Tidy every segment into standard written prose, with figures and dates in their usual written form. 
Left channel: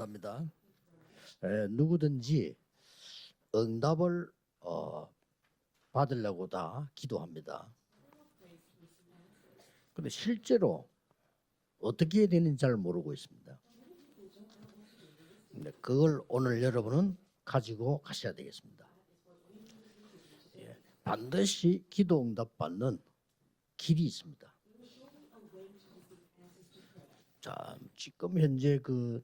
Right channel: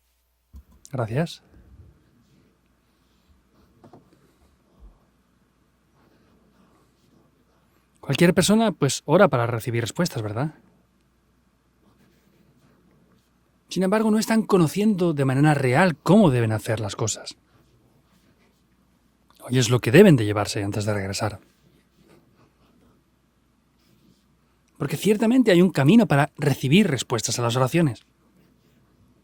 감사합니다. Gracias. 누구든지 응답을 받으려고 다 기도합니다. Cualquier persona pues ora para recibir respuestas, ¿verdad? 실제로 어떻게 해야 되는지 잘 모르고 있습니다. Sin embargo, no están conociendo de manera real 그걸 cómo deben 오늘 hacer las 여러분은 cosas. 가지고 가셔야 되겠습니다. Hoy es lo que deben de llevarse antes de regresar. 반드시 기도 응답 받는 길이 있습니다. Porque ciertamente hay un camino para recibir respuestas a las oraciones. 지금 현재 그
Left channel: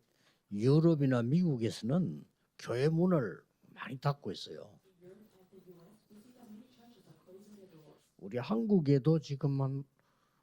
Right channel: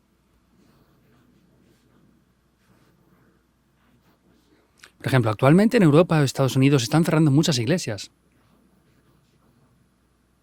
유럽이나 미국에서는 교회 문을 많이 닫고 있어요. Por ejemplo, actualmente en Europa o Estados Unidos están cerrando muchas iglesias. 우리 한국에도 지금 한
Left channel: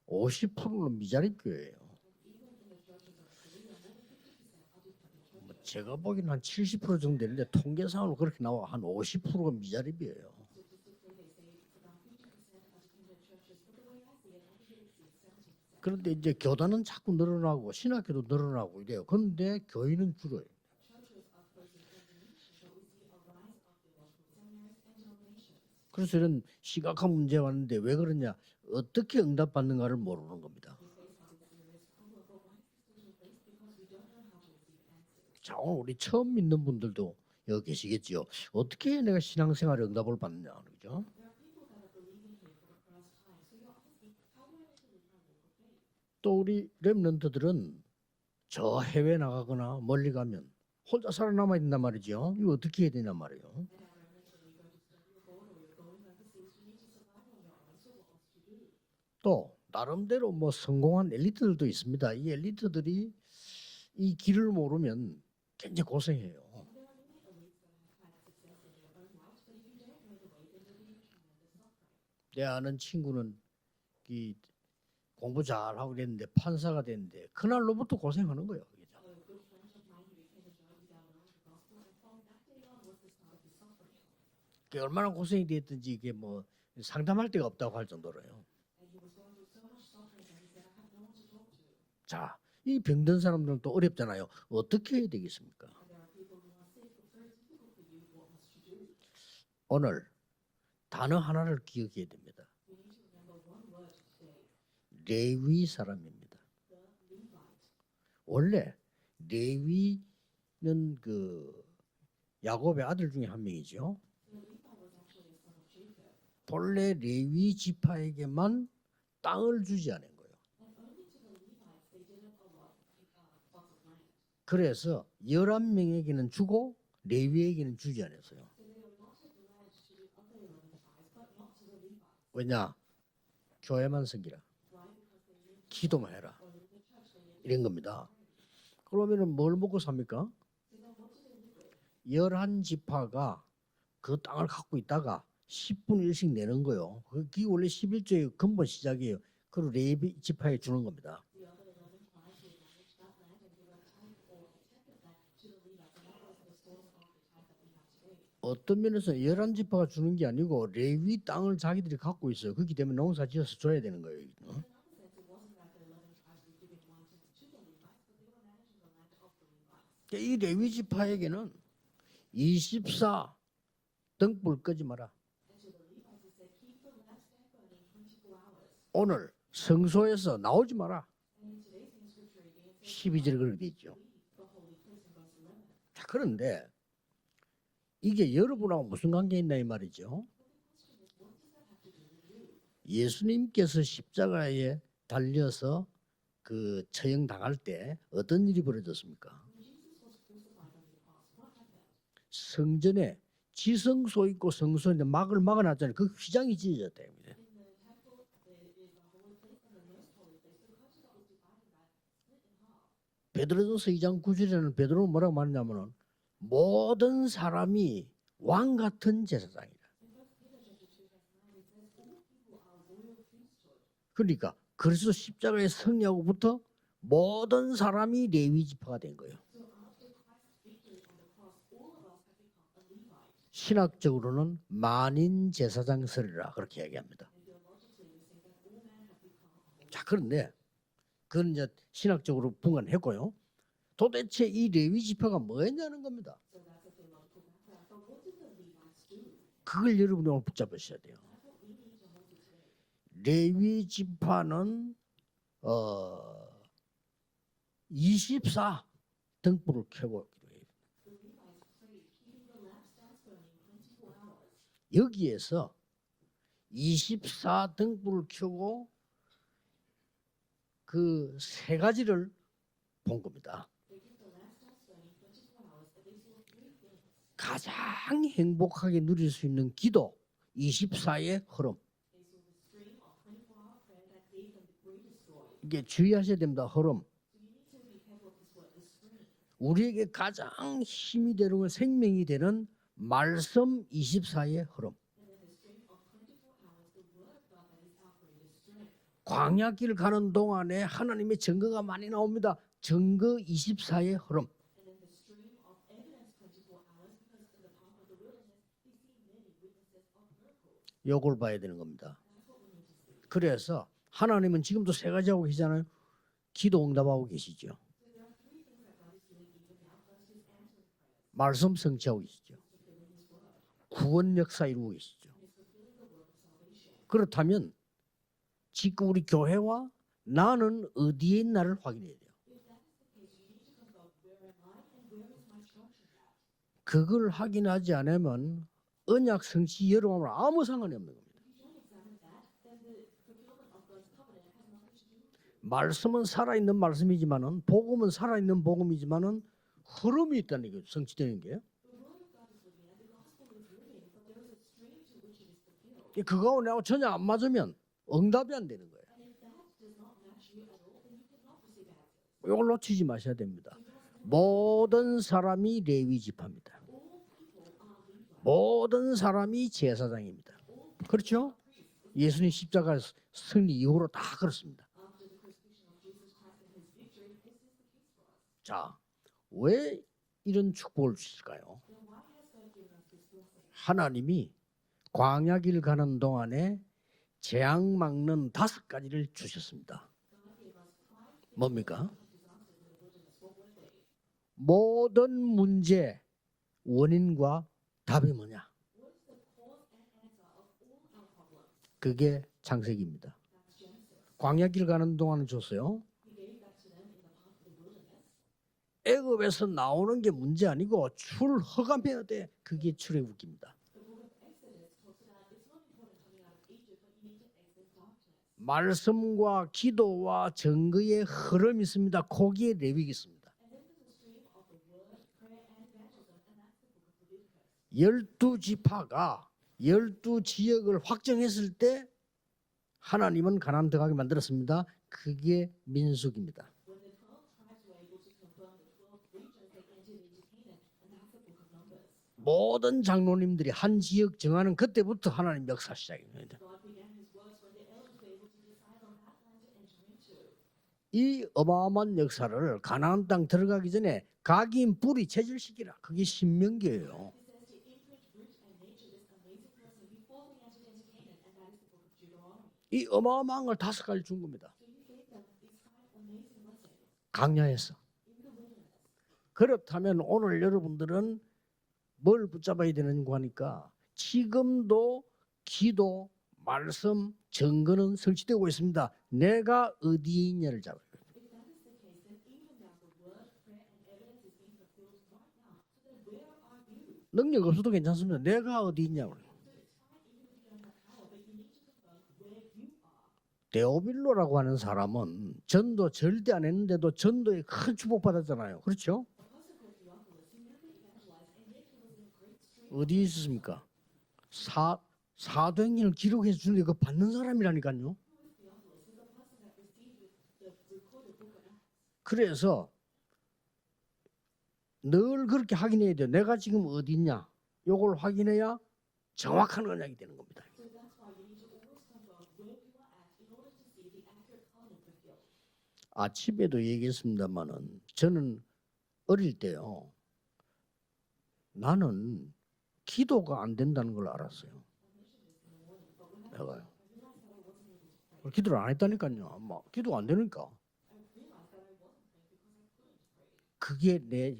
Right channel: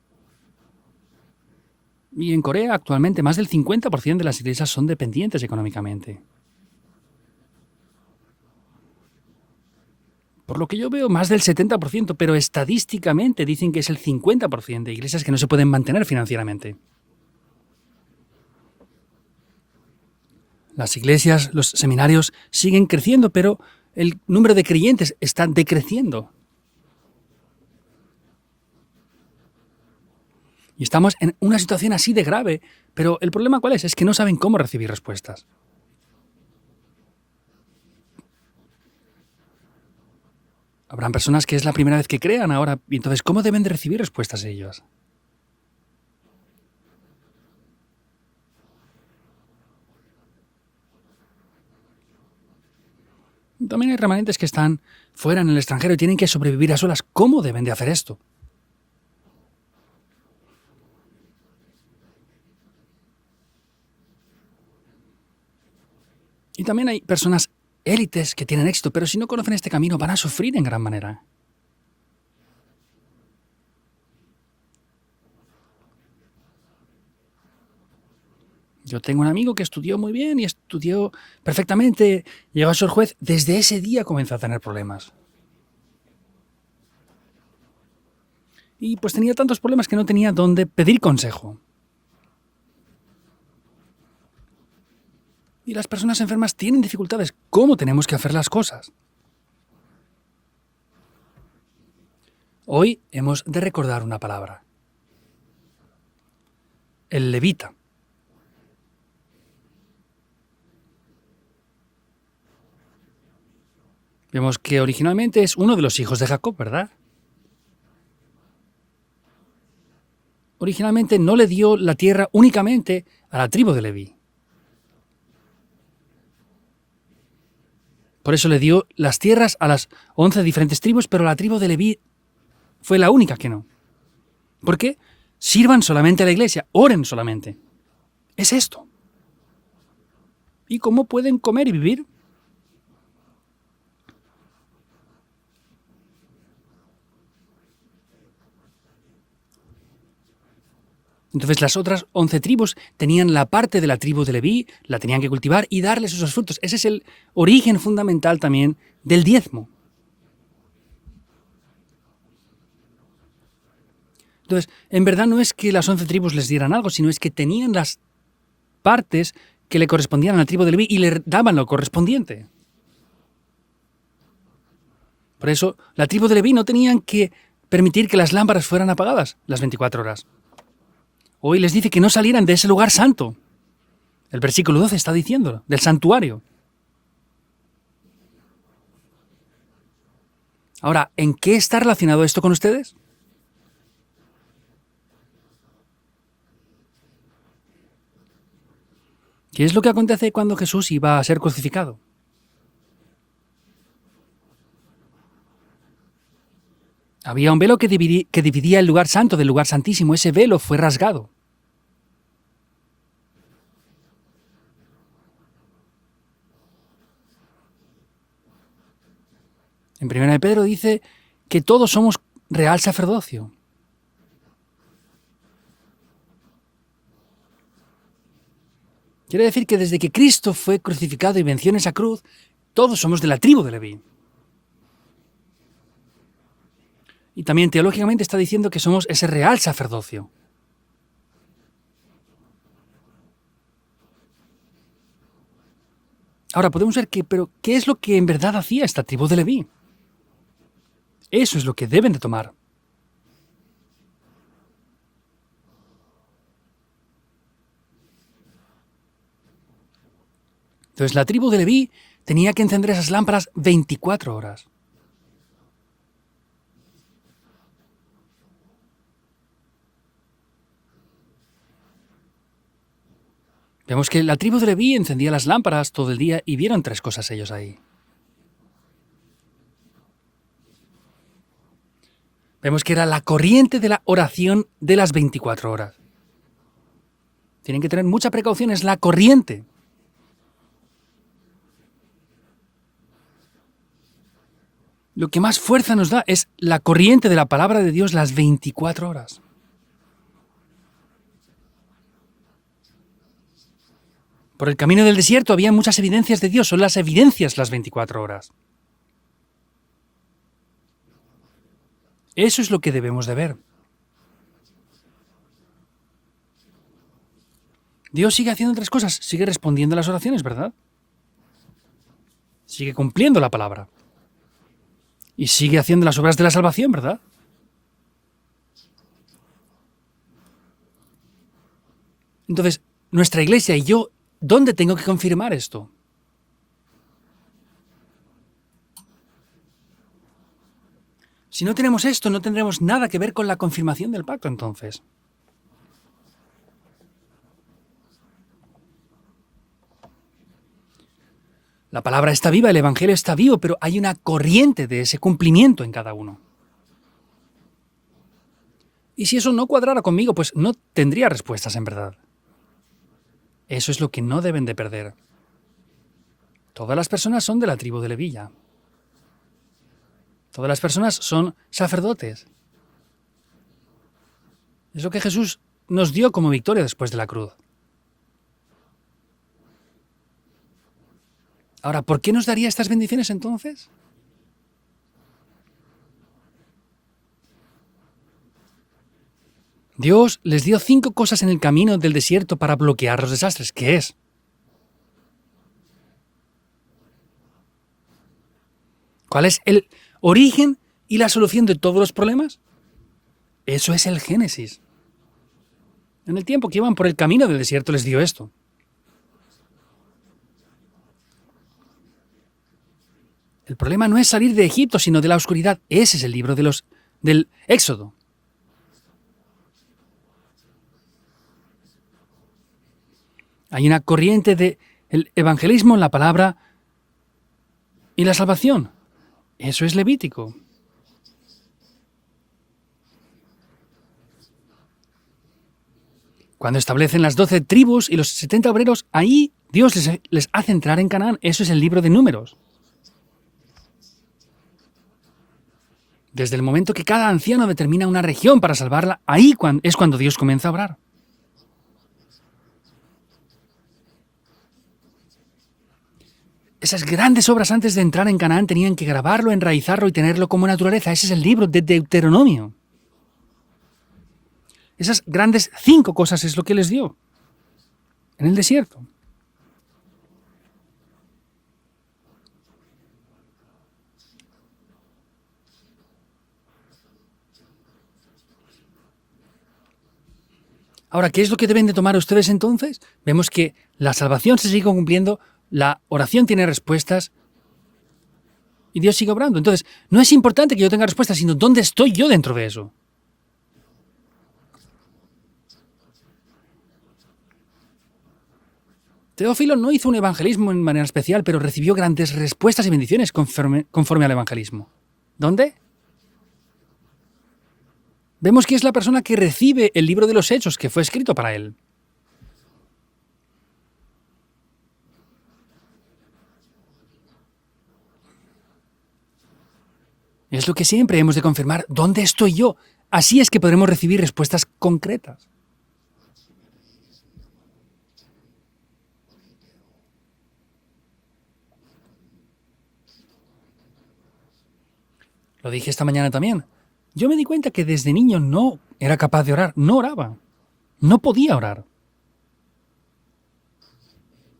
50%는 미자립 교회예요. Y en Corea actualmente más del 50% de las iglesias son dependientes económicamente. 거기는 한 70% 정도 되는데 통계상으로 그렇게 나와 한 50%가 미자립이에요. Por lo que yo veo más del 70%, pero estadísticamente dicen que es el 50% de iglesias que no se pueden mantener financieramente. 교단은 자꾸 늘어나고 신학교도 늘어나고 이래요. 그런데 교회는 줄어요. Las iglesias, los seminarios siguen creciendo, pero el número de creyentes está decreciendo. 사실은 심각한 문제 왔는데 왜 그러냐? 어떻게 응답받는가를 모르는 겁니다. Y estamos en una situación así de grave, pero el problema ¿cuál es? Es que no saben cómo recibir respuestas. 자, 오늘 우리 처음 믿는 분들도 여기 계시겠죠. 어떻게 내가 신앙생활에 응답을 받느냐. 그러죠? Habrán personas que es la primera vez que crean ahora, y entonces ¿cómo deben de recibir respuestas ellos? 또 우리 렘넌트들은 저 해외 나가거나 멀리 가면 혼자 살아남아야 된단 말이죠. 이거 어떻게 해야 되냐 말이에요. También hay remanentes que están fuera en el extranjero y tienen que sobrevivir a solas. ¿Cómo deben de hacer esto? 또 나름대로 뭐 성공한 엘리트들도 있습니다. 이 엘리트들이 이 길을 모르면 굉장히 고생해요. Y también hay personas élites que tienen éxito, pero si no conocen este camino van a sufrir en gran manera. 내 아는 친구는 이 공부 잘하고 됐는데 판사가 됐는데 그날로부터 고생하는 거예요. Yo tengo un amigo que estudió muy bien y estudió perfectamente, llegó a ser juez. Desde ese día comenzó a tener problemas. 얼마나 고생이 됐든지 이게 뭐 상담할 데가 없다고 할 정도로요. Y pues tenía tantos problemas que no tenía dónde pedir consejo. 자, 이 병든 사람들은 또 어렵잖아요. 어떻게 해야 되겠습니까? Y las personas enfermas tienen dificultades. ¿Cómo tenemos que hacer las cosas? 오늘 단어 하나를 기억해야 됩니다. Hoy hemos de recordar una palabra. 레위 사람입니다. El levita. 원래 레위는 그 야곱의 아들 중에 한 명이죠. Vemos que originalmente es uno de los hijos de Jacob, ¿verdad? 원래 레위 지파에게만 땅을 주지 않은 거예요. Originalmente no le dio la tierra únicamente a la tribu de Leví. 그래서 11명에게는 주고 레위에게는 주지 않아요. Por eso le dio las tierras a las 11 diferentes tribus, pero la tribu de Leví 왜냐? fue la única que no. 교회만 섬기라. ¿Por qué? Sirvan solamente a la iglesia, oren solamente. 된 겁니다. Es esto. 그러면은 뭘 먹고 삽니까? ¿Y cómo pueden comer y vivir? 11지파가 그 땅을 갖고 있다가 10분의 1씩 내는 거예요. 그게 원래 11조의 근본 시작이에요. 그리고 레위 지파에 주는 겁니다. Entonces las otras 11 tribus tenían la parte de la tribu de Leví, la tenían que cultivar y darles esos frutos. Ese es el origen fundamental también del diezmo. 지파가 주는 게 아니고 레위 땅을 자기들이 갖고 있어요. 그렇기 때문에 농사 지어서 줘야 되는 거예요. Entonces, en verdad no es que las 11 tribus les dieran algo, sino es que tenían las partes que le correspondían a la tribu de Leví y le daban lo correspondiente. 24 등불 끄지 마라. Por eso, la tribu de Leví no tenían que permitir que las lámparas fueran apagadas las 24 horas. 성소에서 나오지 마라. Hoy les dice que no salieran de ese lugar santo. 그렇게 돼 있죠. El versículo 12 está diciendo, del santuario. 네. 이게 여러분하고 무슨 관계 있나 이 말이죠. Ahora, ¿en qué está relacionado esto con ustedes? 예수님께서 십자가에 달려서 그 처형 당할 때 어떤 일이 벌어졌습니까? ¿Qué es lo que acontece cuando Jesús iba a ser crucificado? 성전에 지성소 있고 성소인데 막을 막아놨잖아요. 그 휘장이 찢어졌대요. Había un velo que dividía el lugar santo del lugar santísimo. Ese velo fue rasgado. 베드로전서 2장 9절에는 베드로는 뭐라고 말하냐면은 모든 사람이 왕 같은 제사장이다. En 1 Pedro dice que todos somos real sacerdocio. 그러니까 그리스도 십자가의 승리하고부터 모든 사람이 레위 지파가 된 거예요. Quiere decir que desde que Cristo fue crucificado y venció en esa cruz, todos somos de la tribu de Leví. 신학적으로는 만인 제사장설이라 그렇게 얘기합니다. Y también teológicamente está diciendo que somos ese real sacerdocio. 그런데 그건 이제 신학적으로 분간했고요. 도대체 이 레위 지파가 뭐였냐는 겁니다. Ahora podemos ver que, pero ¿qué es lo que en verdad hacía esta tribu de Leví? 그걸 여러분이 오늘 붙잡으셔야 돼요. Eso es lo que deben de tomar. 레위 지파는 24 등불을 켜고 Entonces la tribu de Leví tenía que encender esas lámparas 24 horas. 여기에서 24 등불을 켜고 그 세 가지를 본 겁니다. Vemos que la tribu de Leví encendía las lámparas todo el día y vieron tres cosas ellos ahí. 가장 행복하게 누릴 수 있는 기도 24의 흐름. Vemos que era la corriente de la oración de las 24 horas. 주의하셔야 됩니다. 흐름. Tienen que tener mucha precaución, es la corriente. 우리에게 가장 힘이 되는 건 생명이 되는 말씀 24의 흐름. Lo que más fuerza nos da es la corriente de la palabra de Dios las 24 horas. 광야길 가는 동안에 하나님의 증거가 많이 나옵니다. 증거 24의 흐름. Por el camino del desierto había muchas evidencias de Dios, son las evidencias las 24 horas. 요걸 봐야 되는 겁니다. Eso es lo que debemos de ver. 그래서 하나님은 지금도 세 가지 하고 계시잖아요. 기도 응답하고 계시죠. Dios sigue haciendo tres cosas, sigue respondiendo a las oraciones, ¿verdad? 말씀 성취하고 계시죠. Sigue cumpliendo la palabra. 구원 역사 이루고 계시죠. Y sigue haciendo las obras de la salvación, ¿verdad? 그렇다면 지금 우리 교회와 나는 어디에 있나를 확인해야 돼요. Entonces, nuestra iglesia y yo, ¿dónde tengo que confirmar esto? 그걸 확인하지 않으면 언약 성취 여러분은 아무 상관이 없는 거예요. Si no tenemos esto, no tendremos nada que ver con la confirmación del pacto, entonces. 말씀은 살아있는 말씀이지만은 복음은 살아있는 복음이지만은 흐름이 있다는 게 성취되는 게. La palabra está viva, el evangelio está vivo, pero hay una corriente de ese cumplimiento en cada uno. 그거하고 내가 전혀 안 맞으면 응답이 안 되는 거예요. Y si eso no cuadrara conmigo, pues no tendría respuestas en verdad. 이걸 놓치지 마셔야 됩니다. Eso es lo que no deben de perder. 모든 사람이 레위 지파입니다. Todas las personas son de la tribu de Levilla. 모든 사람이 제사장입니다. Todas las personas son sacerdotes. 예수님 십자가 승리 이후로 다 그렇습니다. Es lo que Jesús nos dio como victoria después de la cruz. 자, 왜 이런 축복을 주실까요? Ahora, ¿por qué nos daría estas bendiciones entonces? 하나님이 광야길 가는 동안에 재앙 막는 5가지를 주셨습니다. Dios les dio 5 cosas en el camino del desierto para bloquear los desastres. ¿Qué es? 모든 문제 원인과 답이 뭐냐? ¿Cuál es el origen y la solución de todos los problemas? 창세기입니다. Eso es el Génesis. 광야길 가는 동안은 줬어요. En el tiempo que iban por el camino del desierto les dio esto. 애굽에서 나오는 게 문제 아니고 출허감해야 돼. 그게 출애굽기입니다. El problema no es salir de Egipto, sino de la oscuridad. Ese es el libro del Éxodo. 말씀과 기도와 증거의 흐름이 있습니다. 거기에 레위기 있습니다. Hay una corriente del evangelismo, la palabra, y la salvación. Eso es Levítico. 지역을 확정했을 때 하나님은 가나안 들어가게 만들었습니다. 그게 민수기입니다. Cuando establecen las 12 tribus y los 70 obreros, ahí Dios les hace entrar en Canaán. Eso es el libro de Números. 모든 장로님들이 한 지역 정하는 그때부터 하나님 역사 시작입니다. Desde el momento que cada anciano determina una región para salvarla, ahí es cuando Dios comienza a obrar. 이 어마어마한 역사를 가나안 땅 들어가기 전에 각인 뿌리 체질시키라. 그게 신명기. Esas grandes obras antes de entrar en Canaán tenían que grabarlo, enraizarlo y tenerlo como naturaleza. Ese es el libro de Deuteronomio. 이 어마어마한 걸 5가지 준 겁니다. Esas grandes 5 cosas es lo que les dio 강야에서. en el desierto. 그렇다면 오늘 여러분들은 뭘 붙잡아야 되는가 하니까 지금도 기도, 말씀, 증거는 설치되고 있습니다. 내가 어디에 있냐를 잡아. Ahora, ¿qué es lo que deben de tomar ustedes entonces? Vemos que la salvación se sigue cumpliendo, la oración tiene respuestas 능력 없어도 괜찮습니다. 내가 어디 y Dios sigue obrando. Entonces, no es importante que yo tenga respuestas, sino dónde estoy yo dentro de eso. 데오빌로라고 하는 사람은 전도 절대 안 했는데도 전도에 큰 축복받았잖아요. 그렇죠? Teófilo no hizo un evangelismo en manera especial, pero recibió grandes respuestas y bendiciones conforme al evangelismo. ¿Dónde? 사도행전을 기록해 주는데 그 받는 사람이라니까요. Vemos que es la persona que recibe el libro de los Hechos que fue escrito para él. 그래서 늘 그렇게 확인해야 돼요. 내가 지금 어디 있냐? 요걸 확인해야 정확한 언약이 되는 겁니다. Es lo que siempre hemos de confirmar, ¿dónde estoy yo? Así es que podremos recibir respuestas concretas. 아침에도 얘기했습니다만은 저는 어릴 때요. 나는 기도가 안 된다는 걸 알았어요. Lo dije esta mañana también. Yo me di cuenta que desde niño no era capaz de orar, no oraba, no podía orar. 그게 내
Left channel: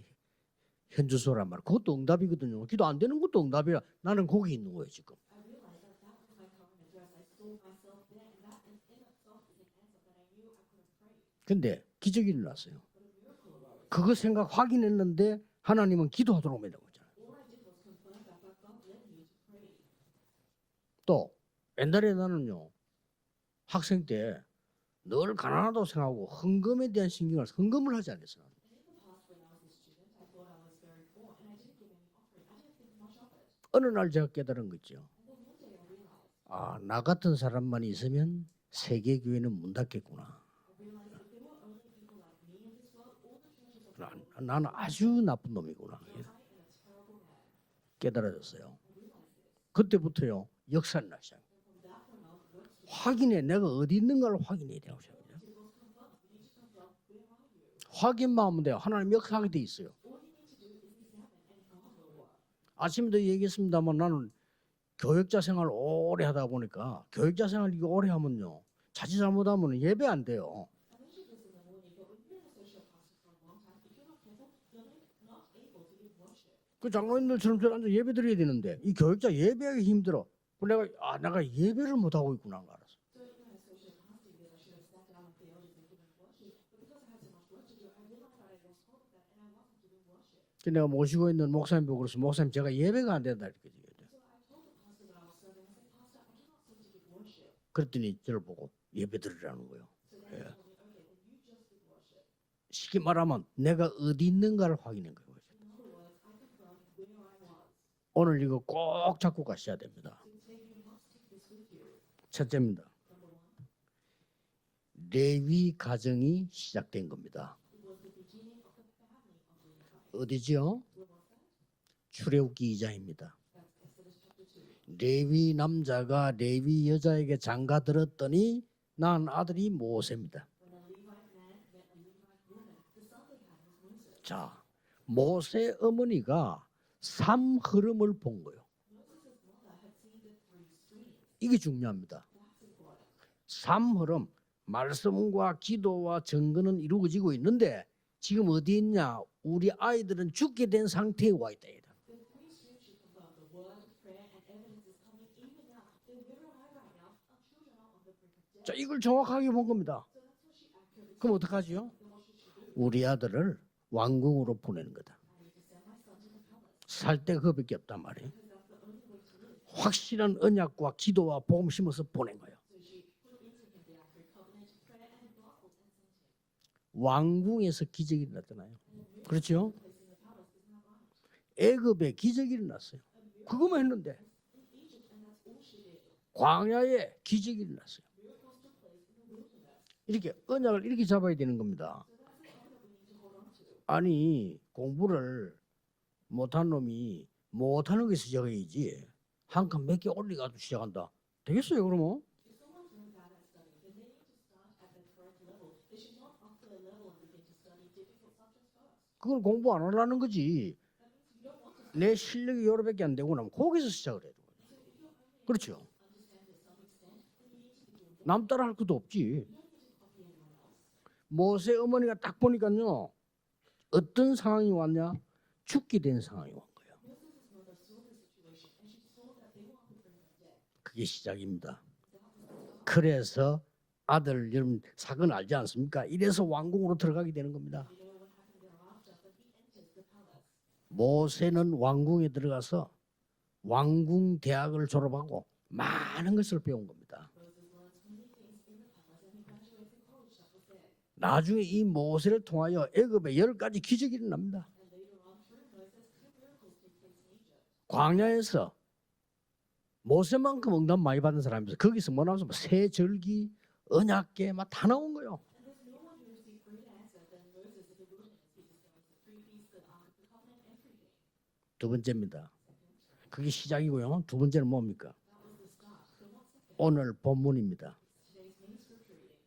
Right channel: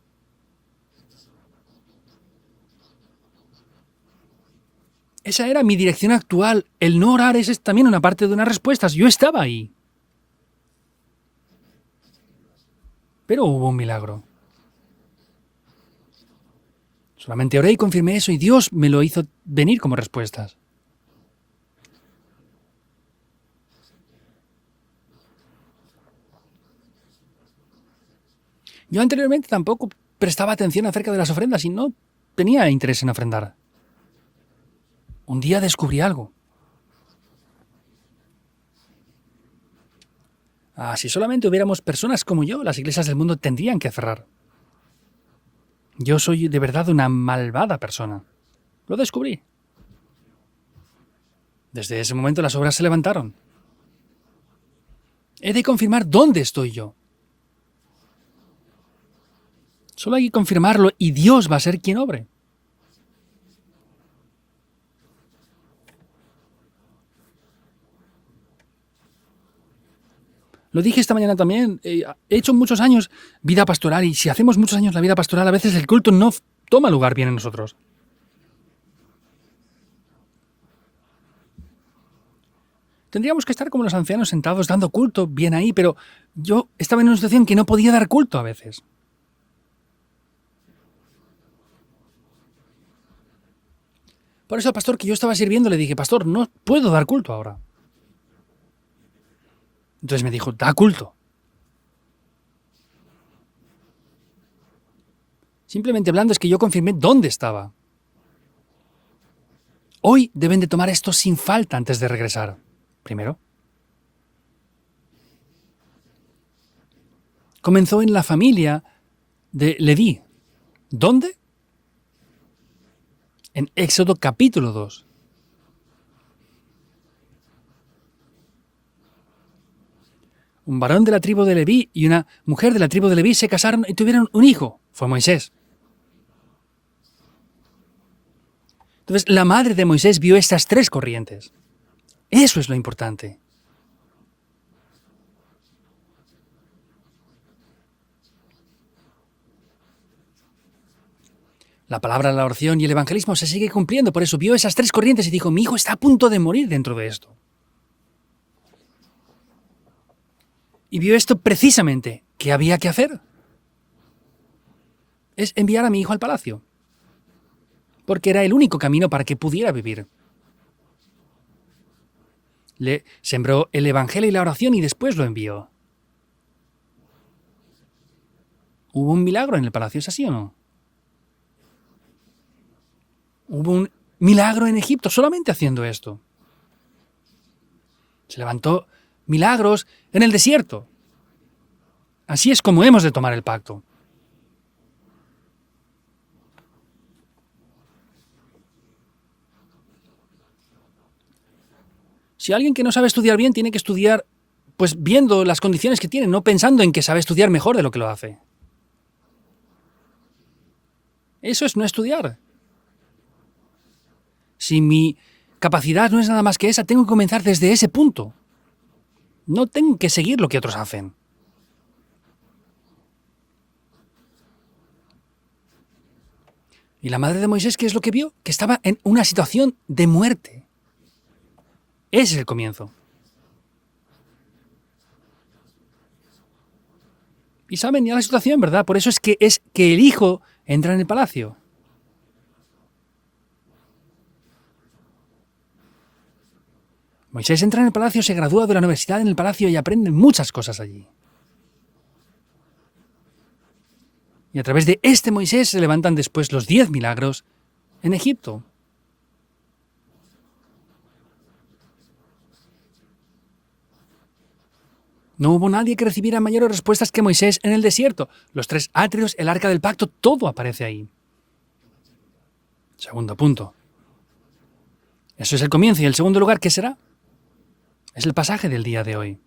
현주소란 말. 그것도 응답이거든요. 기도 안 되는 것도 응답이라. 나는 거기 있는 거예요 지금. Esa era mi dirección actual. El no orar es también una parte de unas respuestas. Yo estaba ahí. 근데 기적이 일어났어요. Pero hubo un 그거 milagro. 생각 확인했는데 하나님은 기도하도록 만든 거죠. Solamente oré y confirmé eso y Dios me lo hizo venir como respuestas. 또 옛날에 나는요 학생 때 늘 가난하다고 생각하고 헌금에 대한 헌금을 하지 않았어요. Yo anteriormente tampoco prestaba atención acerca de las ofrendas y no tenía interés en ofrendar. 어느 날 제가 깨달은 거 있죠. Un día descubrí algo. 아, 나 같은 사람만 있으면 세계 교회는 문 닫겠구나. Ah, si solamente hubiéramos personas como yo, las iglesias del mundo tendrían que cerrar. 나는 아주 나쁜 놈이구나. Yo soy de verdad una malvada persona. 깨달아졌어요. Lo descubrí. 그때부터요 역사는 나기 시작. Desde ese momento las obras se levantaron. 확인해 내가 어디 있는가를 확인해야 돼요. He de confirmar dónde estoy yo. 확인만 하면 돼요. 하나님 역사하게 돼 있어요. Solo hay que confirmarlo y Dios va a ser quien obre. 아침에도 얘기했습니다만 나는 교육자 생활 오래 하다 보니까 교육자 생활 이거 오래 하면요 자칫 잘못하면 예배 안 돼요. Lo dije esta mañana también. He hecho muchos años vida pastoral y si hacemos muchos años la vida pastoral, a veces el culto no toma lugar bien en nosotros. 예배 드려야 되는데 이 교육자 예배하기 힘들어. 내가 예배를 못 하고 있구나. Tendríamos que estar como los ancianos sentados dando culto bien ahí, pero yo estaba en una situación que no podía dar culto a veces. 내가 모시고 있는 목사님 보고 그래서 목사님 제가 예배가 안 된다. Por eso al pastor que yo estaba sirviendo le dije, pastor, no puedo dar culto ahora. 그랬더니 저를 보고 예배 드리라는 거예요. Entonces me dijo, da culto. 쉽게 말하면 내가 어디 있는가를 확인한 거예요. Simplemente hablando es que yo confirmé dónde estaba. 오늘 이거 꼭 잡고 가셔야 됩니다. Hoy deben de tomar esto sin falta antes de regresar. 첫째입니다. Primero, 레위 가정이 시작된 겁니다. comenzó en la familia de Leví. 어디죠? ¿Dónde? 출애굽기 2장입니다. En Éxodo capítulo 2. 레위 남자가 레위 여자에게 장가 들었더니 난 아들이 모세입니다. Un varón de la tribu de Leví y una mujer de la tribu de Leví se casaron y tuvieron un hijo. Fue Moisés. 모세 어머니가 삼 흐름을 본 거예요. Entonces la madre de Moisés vio estas tres corrientes. 이게 중요합니다. Eso es lo importante. 삼 흐름, 말씀과 기도와 증거는 이루어지고 있는데 지금 어디 있냐? 우리 아이들은 죽게 된 상태에 와 있다. La palabra, la oración y el evangelismo se sigue cumpliendo. Por eso vio esas tres corrientes y dijo, mi hijo está a punto de morir dentro de esto. 자, 이걸 정확하게 본 겁니다. Y vio esto precisamente. ¿Qué había que 우리 hacer? 아들을 왕궁으로 보내는 거다. Es enviar a mi hijo al palacio. 살 때 그거밖에 없단 말이야. Porque era el único camino para que pudiera vivir. 확실한 언약과 기도와 복음 심어서 보낸 거예요. Le sembró el evangelio y la oración y después lo envió. 왕궁에서 기적이 일어났잖아요. ¿Hubo un milagro en el palacio? ¿Es así o no? 애굽에 기적이 일어났어요. Hubo 그거 un 했는데 milagro en Egipto solamente haciendo esto. 광야에 기적이 일어났어요. Se levantó milagros en el desierto. 이렇게 잡아야 되는 겁니다. Así es como hemos de tomar el pacto. 아니 공부를 못한 놈이 못하는 게 시작이지 한 칸 몇 개 올리가지고 시작한다. 되겠어요 그러면? Si alguien que no sabe estudiar bien tiene que estudiar pues viendo las condiciones que tiene, no pensando en que sabe estudiar mejor de lo que lo hace. 그걸 공부 안 하려는 거지. Eso es no 내 estudiar. 실력이 요렇게밖에 안 되고 나면 거기서 시작을 해. Si mi capacidad no es nada más que esa, tengo que comenzar desde ese punto. 남 따라 할 것도 없지. No tengo que seguir lo que otros hacen. 모세 어머니가 딱 보니까요. 어떤 상황이 왔냐? 죽게 된 상황이 왔어요. ¿Y la madre de Moisés qué es lo que vio? Que estaba en una situación de muerte. 그게 시작입니다. Ese es el comienzo. 그래서 아들 여러분 사건 알지 않습니까? 이래서 왕궁으로 들어가게 되는 겁니다. Y saben ya la situación, ¿verdad? Por eso es que el hijo entra en el palacio. 모세는 왕궁에 들어가서 왕궁 대학을 졸업하고 많은 것을 배운 겁니다. Moisés entra en el palacio, se gradúa de la universidad en el palacio y aprende muchas cosas allí. 나중에 이 모세를 통하여 애굽에 10가지 기적이 Y 일어납니다. a través de este Moisés se levantan después los 10 milagros en Egipto. 광야에서 모세만큼 응답 많이 받은 사람이 거기서 뭐 나와서 새 절기, 언약궤 막 다 나온 거예요. No hubo nadie que recibiera mayores respuestas que Moisés en el desierto. Los 3 atrios, el arca del pacto, todo aparece ahí. 두 번째입니다. Segundo punto. 시작이고요. 두 번째는 뭡니까? Eso es el comienzo. Y el segundo lugar, ¿qué será? 오늘 본문입니다. Es el pasaje del día de hoy.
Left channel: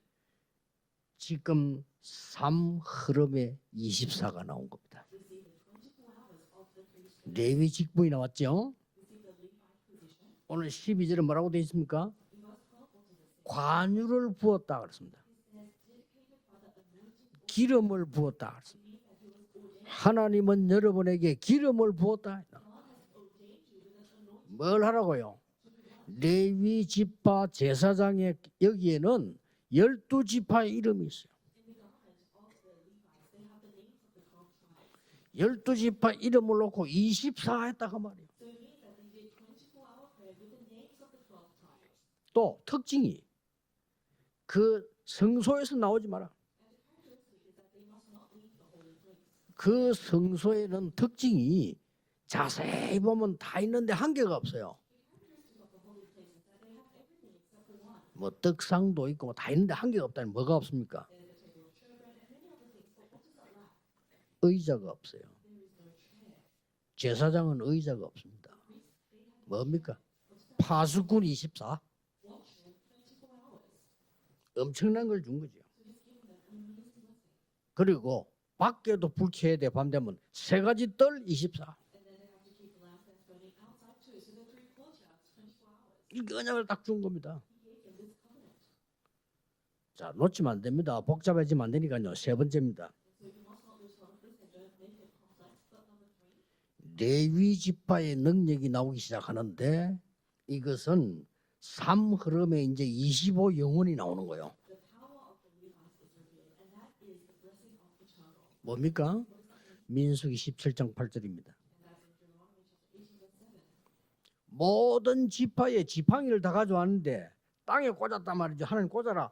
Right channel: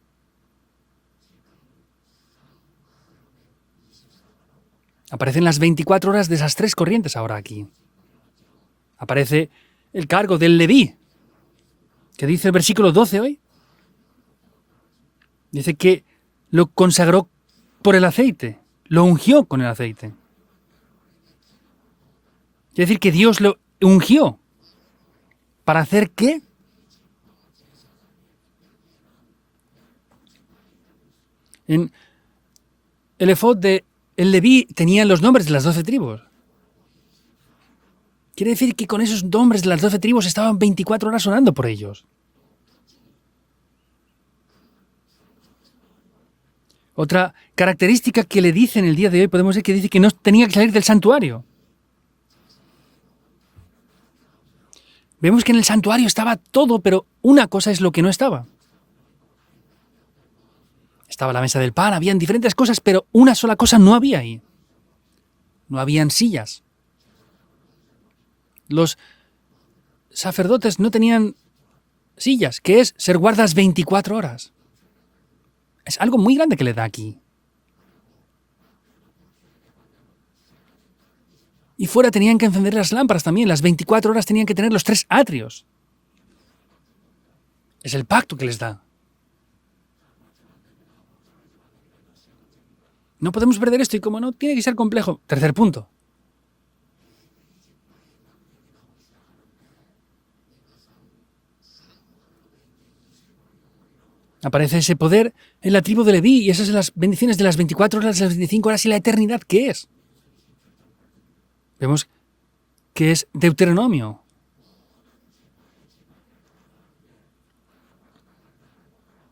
지금 3 흐름에 24가 나온 겁니다. Aparecen las 24 horas de esas 3 corrientes ahora 레위 aquí. 직분이 나왔죠? Aparece el cargo del Leví, 12절에 뭐라고 되어 있습니까? que dice el versículo 12 hoy. 관유를 부었다 그랬습니다. Dice que lo consagró 기름을 por el 부었다 aceite, 그랬습니다. lo ungió con el aceite. 하나님은 여러분에게 기름을 부었다. Es decir, que Dios lo ungió. 뭘 하라고요? ¿Para hacer qué? 레위 지파 제사장의 여기에는 12지파의 이름이 있어요. En el efod de el Leví tenía los nombres de las 12 12 tribus. 지파 이름을 놓고 24 했다가 말이에요. Quiere decir que con esos nombres de las 12 tribus estaban 24 horas orando por ellos. 또 특징이 그 성소에서 나오지 마라. Otra característica que le dice en el día de hoy, podemos ver que dice 그 que no tenía que salir del santuario. 특징이 자세히 보면 다 있는데 한계가 없어요. Vemos que en el santuario estaba todo, pero una cosa es lo que no estaba. 떡상도 있고 다 있는데 한계가 없다니 뭐가 없습니까? Estaba la mesa del pan, habían diferentes cosas, pero una sola cosa no había ahí. 의자가 없어요. No habían sillas. 제사장은 의자가 없습니다. Los 뭡니까? sacerdotes no 파수꾼 tenían 24. sillas, que es ser guardas 24 horas. 엄청난 걸 준 거죠. Es algo muy grande que le da aquí. 그리고 밖에도 불 켜야 돼. 밤 되면 세 가지 뜰 24. Y fuera tenían que encender las lámparas también. Las 24 horas tenían que tener los 3 atrios. 이게 언약을 딱 준 겁니다. Es el pacto que les da. 자, 놓치면 안 됩니다. 복잡해지면 안 되니까요. 세 번째입니다. No podemos perder esto y como no, tiene que ser complejo. Tercer punto. 레위 지파의 능력이 나오기 시작하는데 이것은 삶 흐름에 이제 25 영혼이 나오는 거예요. Aparece ese poder en la tribu de Leví y esas son las bendiciones de las 24 horas, las 25 horas y la eternidad que es. 민수기 17장 8절입니다. Vemos que es Deuteronomio. 모든 지파의 지팡이를 다 가져왔는데 땅에 꽂았단 말이죠. 하나님 꽂아라.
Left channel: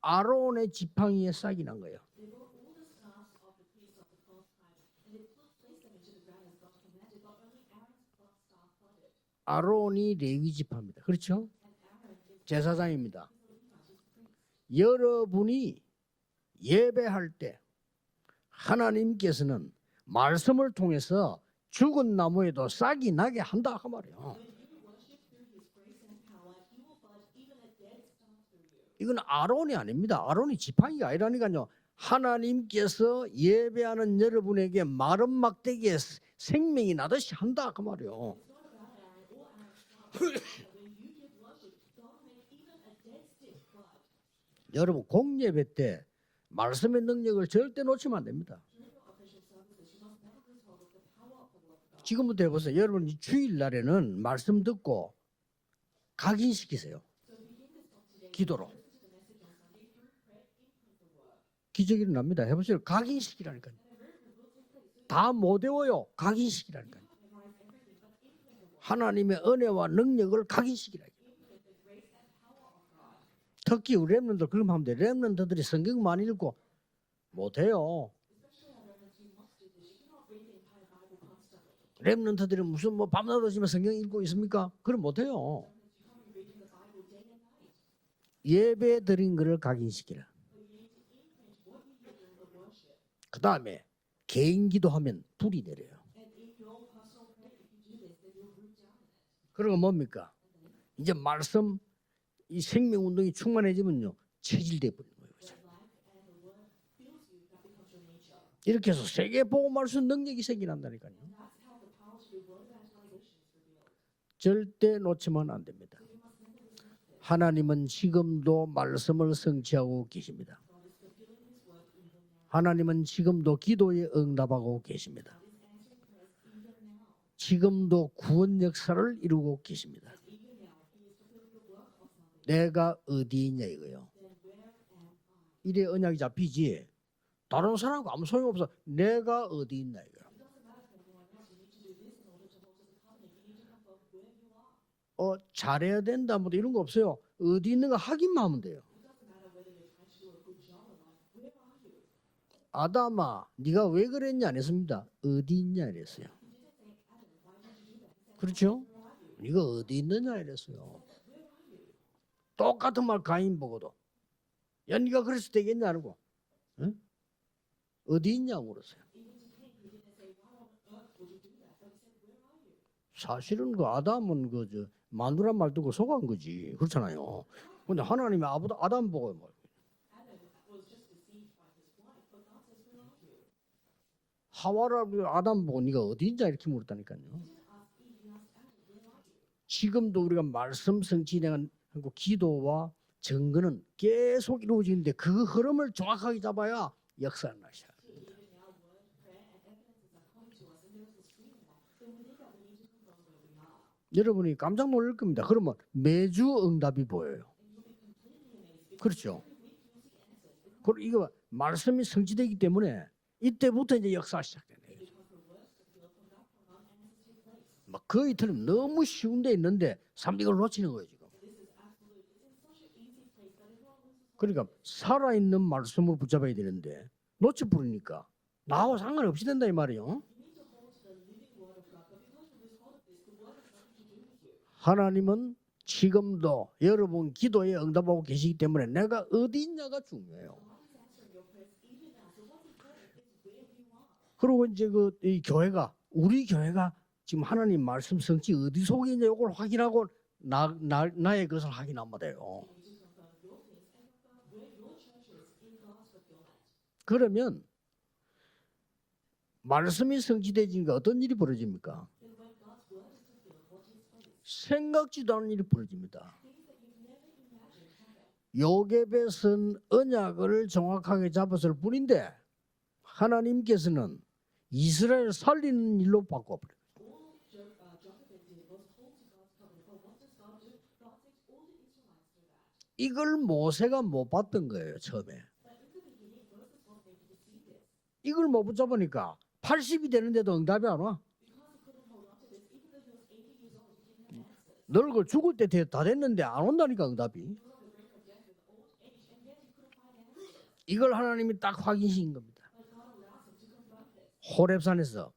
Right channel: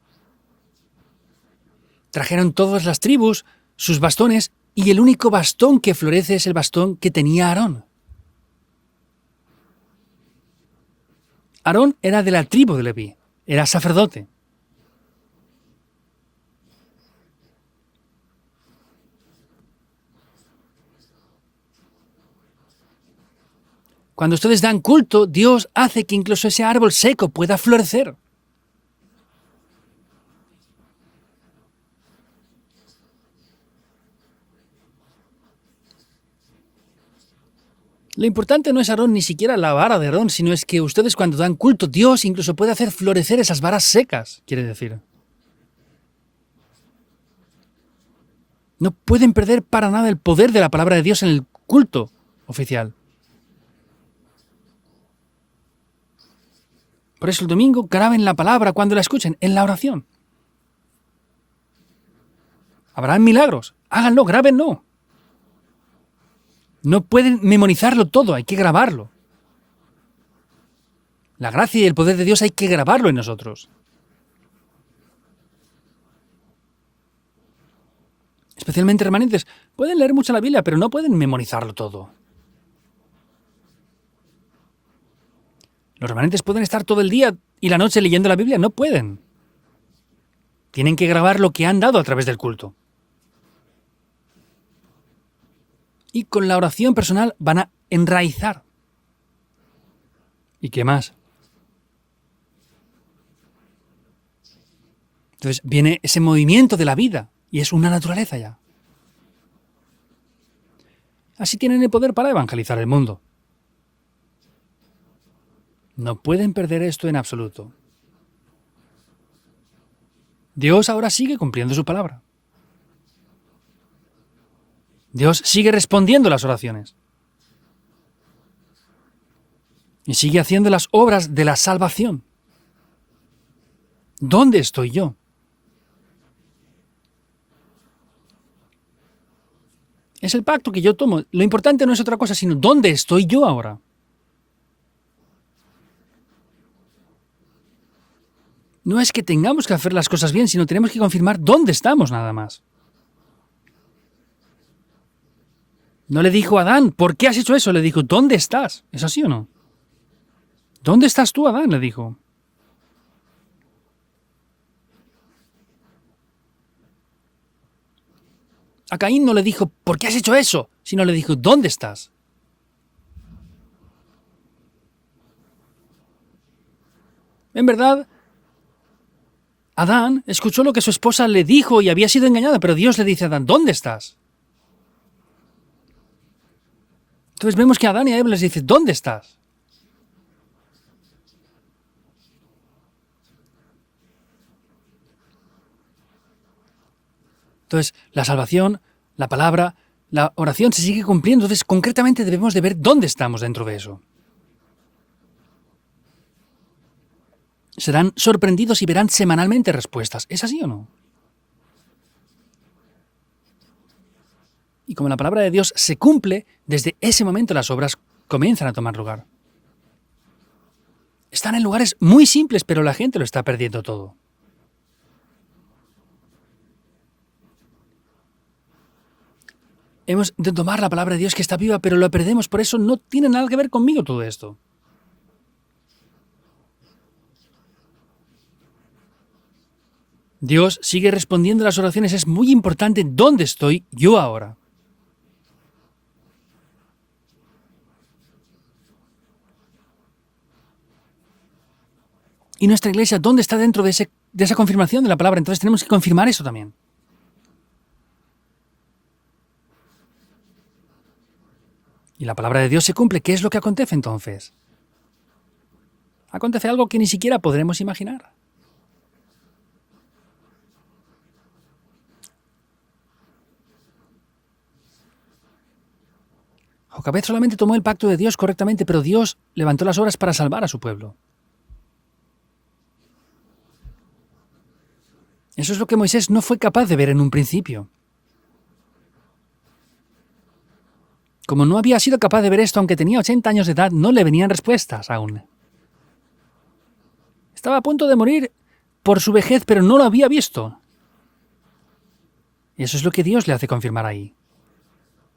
아론의 지팡이에 싹이 난 거예요. Trajeron todas las tribus sus bastones y el único bastón que florece es el bastón que tenía Aarón. 아론이 레위 지파입니다. 그렇죠? Aarón era de la tribu de Leví, era sacerdote. 여러분이 예배할 때 하나님께서는 말씀을 통해서 죽은 나무에도 싹이 나게 한다 그 말이에요. Cuando ustedes dan culto, Dios hace que incluso ese árbol seco pueda florecer. 이건 아론이 아닙니다. 아론이 지팡이가 아니라니까요. 하나님께서 예배하는 여러분에게 마른 막대기에 생명이 나듯이 한다 그 말이에요. Lo importante no es Aarón, ni siquiera la vara de Aarón, sino es que ustedes cuando dan culto, Dios incluso puede hacer florecer esas varas secas, quiere decir. 여러분 공예배 때 말씀의 능력을 절대 놓치면 안 됩니다. No pueden perder para nada el poder de la palabra de Dios en el culto 지금부터 해보세요. oficial. 여러분 주일 날에는 말씀 듣고 각인시키세요. Por eso el domingo graben la palabra cuando la escuchen en la oración. 기적이 일어납니다. 해보세요. Habrán milagros. Háganlo, grábenlo. 다못 외워요. 각인시키라. No pueden memorizarlo todo, hay que grabarlo. 하나님의 은혜와 능력을 각인시키라. La gracia y el poder de Dios hay que grabarlo en nosotros. 특히 우리 렘넌트 그럼 하면 돼. 렘넌트들이 성경 많이 읽고 못해요. Especialmente remanentes. Pueden leer mucho la Biblia, pero no pueden memorizarlo todo. 렘넌트들이 무슨 뭐 밤낮없이 성경 읽고 있습니까? 그럼 못해요. Los remanentes pueden estar todo el día y la noche leyendo la Biblia, no pueden. 드린 거를 각인시키라. Tienen que grabar lo que han dado a través del culto. 그 다음에 개인 기도하면 불이 내려요. Y con la oración personal van a enraizar. 그리고 뭡니까? ¿Y qué más? 이제 말씀 이 생명 운동이 충만해지면요 체질돼 버려요. Entonces viene ese movimiento de la vida y es una naturaleza ya. 이렇게 해서 세계 복음할 수 있는 능력이 생기난다니까요. Así tienen el poder para evangelizar el mundo. 절대 놓치면 안 됩니다. No pueden perder esto en absoluto. 하나님은 지금도 말씀을 성취하고 계십니다. Dios ahora sigue cumpliendo su palabra. 하나님은 지금도 기도에 응답하고 계십니다. Dios sigue respondiendo las oraciones 지금도 구원 역사를 이루고 계십니다. y sigue haciendo las obras de la salvación. 내가 어디 있냐 이거요. ¿Dónde estoy yo? 이래 언약이 잡히지. 다른 사람과 아무 소용없어. 내가 어디 있냐 이거. Es el pacto que yo tomo. Lo importante no es otra cosa, sino ¿dónde estoy yo ahora? 잘해야 된다 뭐 이런 거 없어요. 어디 있는가 확인만 하면 돼요. No es que tengamos que hacer las cosas bien, sino tenemos que confirmar dónde estamos nada más. 아담아, 네가 왜 그랬냐 안 했습니다. 어디 있냐 이랬어요. No le dijo a Adán, ¿por qué has hecho eso? Le dijo, ¿dónde estás? ¿Es así o no? 네가 어디 있느냐 이랬어요. ¿Dónde estás tú, Adán? Le dijo. 똑같은 말 가인 보고도. 야, 네가 그랬을 때겠냐 하고. 응? 어디 있냐고 그랬어요. A Caín no le dijo, ¿por qué has hecho eso? Sino le dijo, ¿dónde estás? 사실은 그 아담은 마누라 말 듣고 속은 거지. 그렇잖아요. En 근데 verdad, 하나님이 아담 보고 뭐, Adán escuchó lo que su esposa le dijo y había sido engañada, pero Dios le dice a Adán, ¿dónde estás? 하와라 아담 보고 네가 어디 있냐 이렇게 물었다니까요. Entonces vemos que Adán y a Eva les dice, ¿dónde estás? 지금도 우리가 말씀 성취되는 기도와 증거는 계속 이루어지는데 그 흐름을 정확하게 잡아야 역사는 나요. Entonces, la salvación, la palabra, la oración se sigue cumpliendo. Entonces, concretamente debemos de ver dónde estamos dentro de eso. 여러분이 깜짝 놀랄 겁니다. 그러면 매주 응답이 보여요. Serán sorprendidos y verán semanalmente respuestas. ¿Es así o no? 그리고 이거 말씀이 성취되기 때문에 이때부터 이제 역사 시작돼요. Y como la palabra de Dios se cumple, desde ese momento las obras 그 comienzan a tomar 너무 lugar. 쉬운 데 있는데 사람들이 이걸 놓치는 거예요. 지금. Están en lugares muy simples, pero la gente lo está perdiendo todo. 그러니까 살아있는 말씀을 붙잡아야 되는데 놓쳐버리니까 나하고 상관없이 된다 이 말이에요. Hemos de tomar la palabra de Dios que está viva, pero lo perdemos, por eso no tiene nada que ver conmigo todo esto. 하나님은 지금도 여러분 기도에 응답하고 계시기 때문에 내가 어디 있냐가 중요해요. Dios sigue respondiendo a las oraciones, es muy importante dónde estoy yo ahora. 그리고 이제 이 교회가 우리 교회가 지금 하나님 말씀 성취 어디 속에 있냐 이걸 확인하고 나의 것을 확인하면 돼요. Y nuestra iglesia, ¿dónde está dentro de esa confirmación de la palabra? Entonces tenemos que confirmar eso también. 그러면 말씀이 성취되지니까 어떤 일이 벌어집니까? Y la palabra de Dios se cumple. ¿Qué es lo que acontece entonces? 생각지도 않은 일이 벌어집니다. Acontece algo que ni siquiera podremos imaginar. 요게벳은 언약을 정확하게 잡았을 뿐인데 하나님께서는 이스라엘 살리는 일로 바꿔버려요. Jocabed solamente tomó el pacto de Dios correctamente, pero Dios levantó las obras para salvar a su pueblo. 이걸 모세가 못 봤던 거예요 처음에. Eso es lo que Moisés no fue capaz de ver en un principio. 이걸 못 붙잡으니까 80이 되는데도 응답이 안 와. Como no había sido capaz de ver esto, aunque tenía 80 años de edad, no le venían respuestas 여러분 aún. 죽을 때 다 됐는데 안 온다니까 응답이. Estaba a punto de morir por su vejez, pero no lo había visto. 이걸 하나님이 딱 확인시킨 겁니다. Y eso es lo que Dios le hace confirmar ahí. 호렙산에서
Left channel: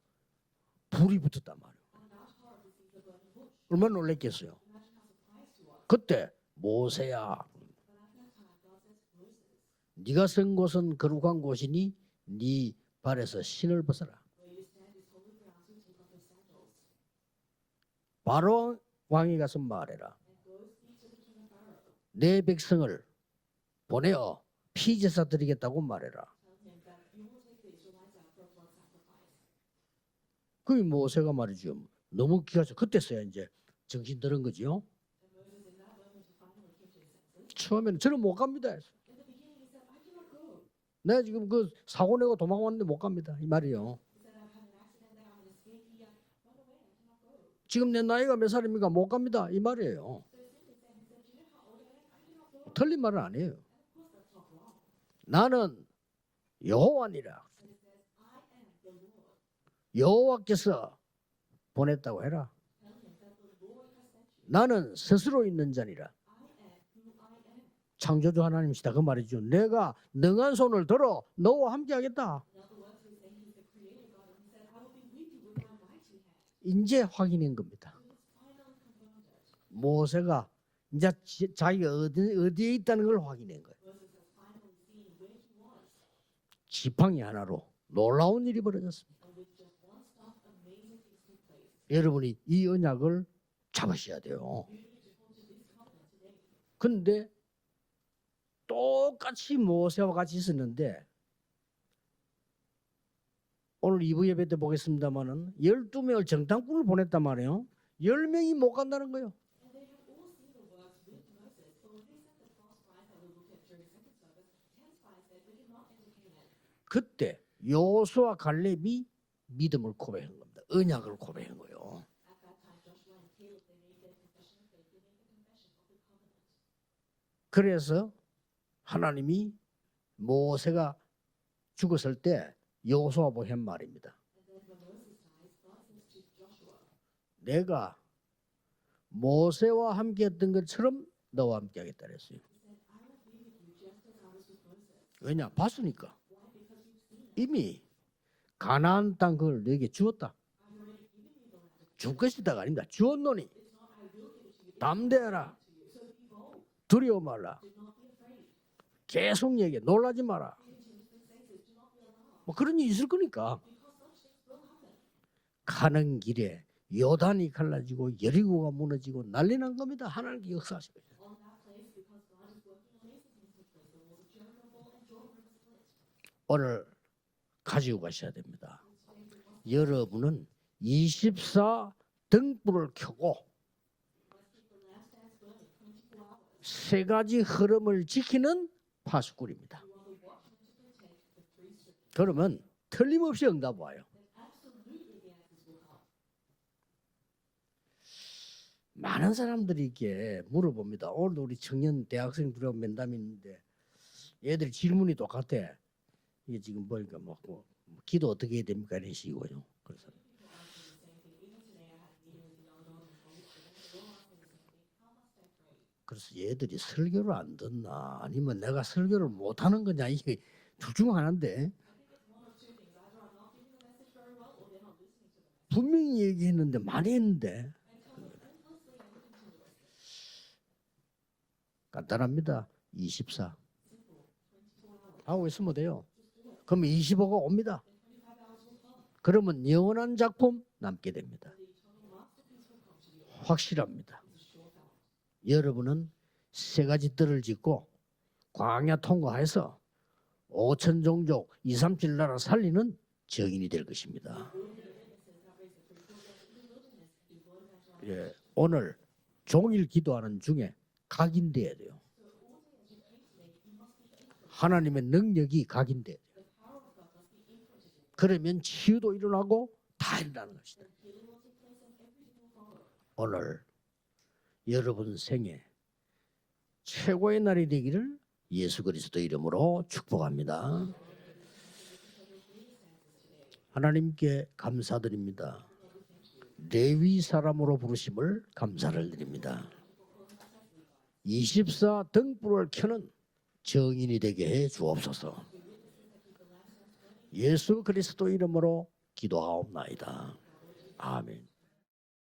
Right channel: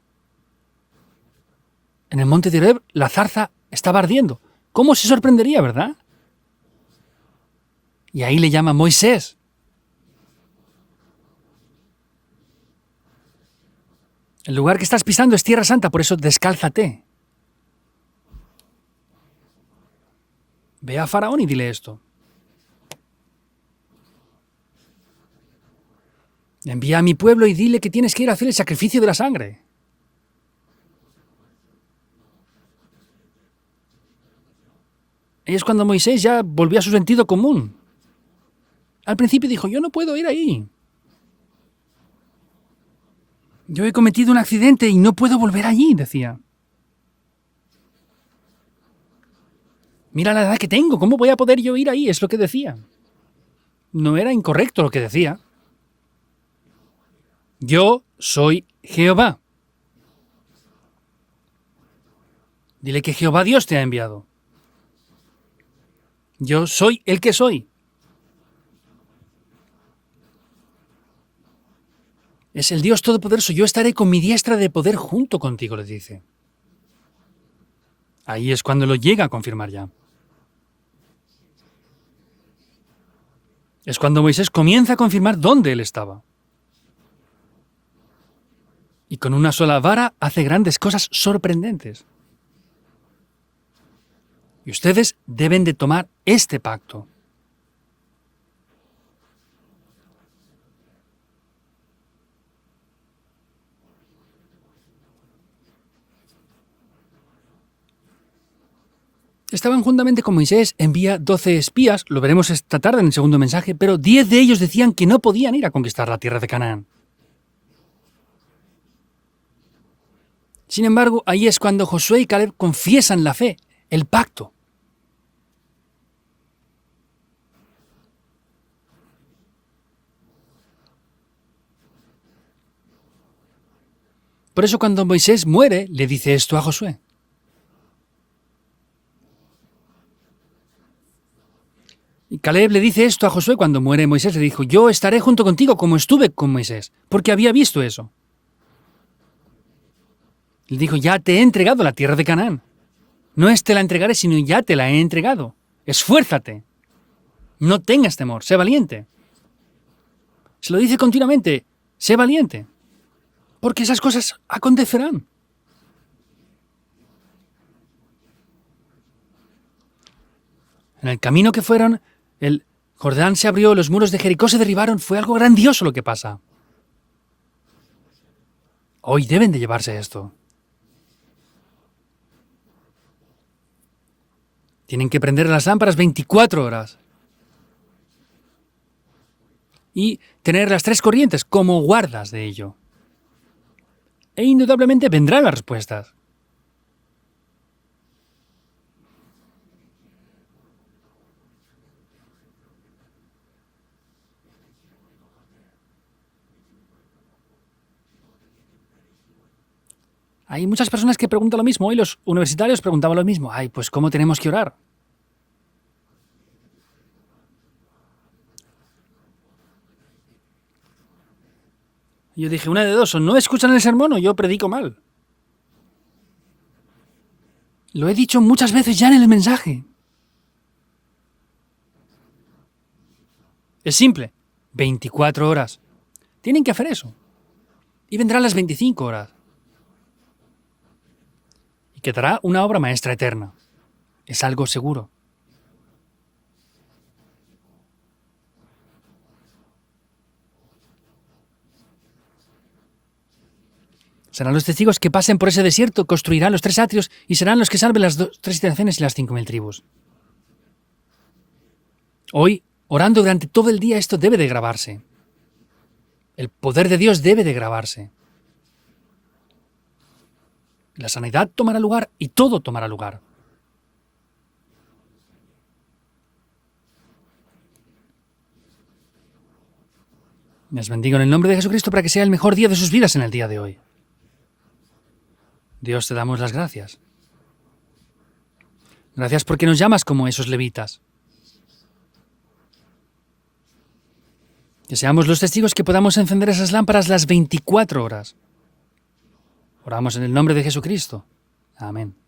불이 붙었단 말이에요. En el monte de Horeb, la zarza estaba 얼마나 ardiendo. 놀랐겠어요. ¿Cómo se sorprendería, verdad? 그때 모세야 Y ahí le llama Moisés. 네가 선 곳은 거룩한 곳이니 네 발에서 신을 벗어라. El lugar que estás pisando es tierra santa, por eso descálzate. 바로 왕이 가서 말해라. Ve a Faraón y dile esto. 내 백성을 보내어 피제사 드리겠다고 말해라. Envía a mi pueblo y dile que tienes que ir a hacer el sacrificio de la sangre. 그 모세가 말이죠. 너무 기가 차. 그때서야 이제 정신 들은 거지요. Y es cuando Moisés ya volvió a su sentido común. 처음에는 저는 못 갑니다. Al principio dijo, yo no puedo ir ahí. 내가 지금 그 사고 내고 도망왔는데 못 갑니다. 이 말이에요. Yo he cometido un accidente y no puedo volver allí, decía. 지금 내 나이가 몇 살입니까? 못 갑니다. 이 말이에요. Mira la edad que tengo, ¿cómo voy a poder yo ir ahí? Es lo que decía. 틀린 말은 아니에요. No era incorrecto lo que decía. 나는 여호와니라. Yo soy Jehová. 여호와께서 보냈다고 해라. Dile que Jehová Dios te ha enviado. 나는 스스로 있는 자니라. Yo soy el que soy. 창조주 하나님이시다 그 말이죠. 내가 능한 손을 들어 너와 함께 하겠다. Es el Dios Todopoderoso. Yo estaré con mi diestra de poder junto contigo, le dice. 이제 확인한 겁니다. Ahí es cuando lo llega a confirmar ya. 모세가 이제 자기가 어디에 있다는 걸 확인한 거예요. Es cuando Moisés comienza a confirmar dónde él estaba. 지팡이 하나로 놀라운 일이 벌어졌어요. Y con una sola vara hace grandes cosas sorprendentes. 여러분이 이 언약을 잡으셔야 돼요. Y ustedes deben de tomar este pacto. 그런데 똑같이 모세와 같이 있었는데 오늘 2부 예배 때 보겠습니다만은 12명을 정탐꾼을 보냈단 말이에요. 10명이 못 간다는 거예요. Estaban juntamente con Moisés, envía 12 espías, lo veremos esta tarde en el segundo mensaje, pero 10 de ellos decían que no podían ir a conquistar la tierra de Canaán. 그때 여호수아 갈렙이 믿음을 고백한 겁니다. Sin embargo, ahí es cuando Josué y Caleb confiesan la fe, el pacto. 그래서 하나님이 모세가 죽었을 때 여호수아보고 한 말입니다. Por eso cuando Moisés muere, le dice esto a Josué. 내가 모세와 함께했던 것처럼 너와 함께하겠다 그랬어요. Y Caleb le dice esto a Josué cuando muere Moisés, le dijo, yo estaré junto contigo como estuve con Moisés, porque había visto eso. 가나안 땅 그걸 너에게 주었다. Le dijo, ya te he entregado la tierra de Canaán. 아닙니다. 주었노니 No es te la entregaré, sino ya te la he entregado. Esfuérzate, 두려워 말라. no tengas temor, sé valiente. 계속 얘기해. 놀라지 마라. Se lo dice continuamente, sé valiente, 그런 일이 있을 거니까. porque esas cosas acontecerán. 가는 길에 요단이 갈라지고 여리고가 무너지고 난리 난 겁니다. 하나님께 역사하십니다. En el camino que fueron, el Jordán se abrió, los muros de Jericó se derribaron, fue algo grandioso lo que pasa. 오늘 가지고 가셔야 됩니다. Hoy deben de llevarse esto. 여러분은 24 등불을 켜고 Tienen que prender las lámparas 24 horas 세 가지 흐름을 지키는 파수꾼입니다. y tener las tres corrientes como guardas de 그러면 ello. 틀림없이 응답 와요. E indudablemente vendrán las respuestas. 많은 사람들이 이렇게 물어봅니다. 오늘도 우리 청년 대학생들하고 면담이 있는데 얘들이 질문이 똑같아. 이게 지금 보니까 뭐 기도 어떻게 해야 됩니까? 이런 식이고요. 그래서 Hay muchas personas que preguntan lo mismo. Hoy los universitarios preguntaban lo mismo. Ay, pues ¿cómo tenemos que orar? 그래서 얘들이 설교를 안 듣나 아니면 내가 설교를 못 하는 거냐 이게 둘 중 하나인데 Y yo dije, una de dos, o no escuchan el sermón o yo predico mal. 분명히 얘기했는데 많이 했는데 Lo he dicho muchas veces ya en el mensaje. 간단합니다. 24. Es simple. 24 horas. 돼요. Tienen que hacer 그럼 eso. 25가 옵니다. Y vendrán las 25 horas. 그러면 영원한 작품 남게 됩니다. Y quedará una obra maestra eterna. 확실합니다. Es algo seguro. 여러분은 세 가지 뜰을 짓고 광야 통과해서 5천 종족 2, 3, 7 나라 살리는 증인이 될 것입니다. Serán los testigos que pasen por ese desierto, construirán los 3 atrios y serán los que salven las 3 naciones y las 5.000 tribus. 종일 기도하는 중에 각인돼야 돼요. Hoy, orando durante todo el día, esto debe de grabarse. 하나님의 능력이 각인돼. El poder de Dios debe de grabarse. 그러면 치유도 일어나고 다 일어나는 것이다. La sanidad tomará lugar y todo tomará lugar. 오늘 여러분 생애 최고의 날이 되기를 예수 그리스도 이름으로 축복합니다. Les bendigo en el nombre de Jesucristo para que sea el mejor día de sus vidas en el día de hoy. 하나님께 감사드립니다. Dios, te damos las gracias. 레위 사람으로 부르심을 감사를 드립니다. Gracias porque nos llamas como esos levitas. 24 등불을 켜는 정인이 되게 해 Que 주옵소서. seamos los testigos que podamos encender esas lámparas las 24 예수 horas. 그리스도 이름으로 기도하옵나이다. Oramos en el nombre de Jesucristo. 아멘. Amén.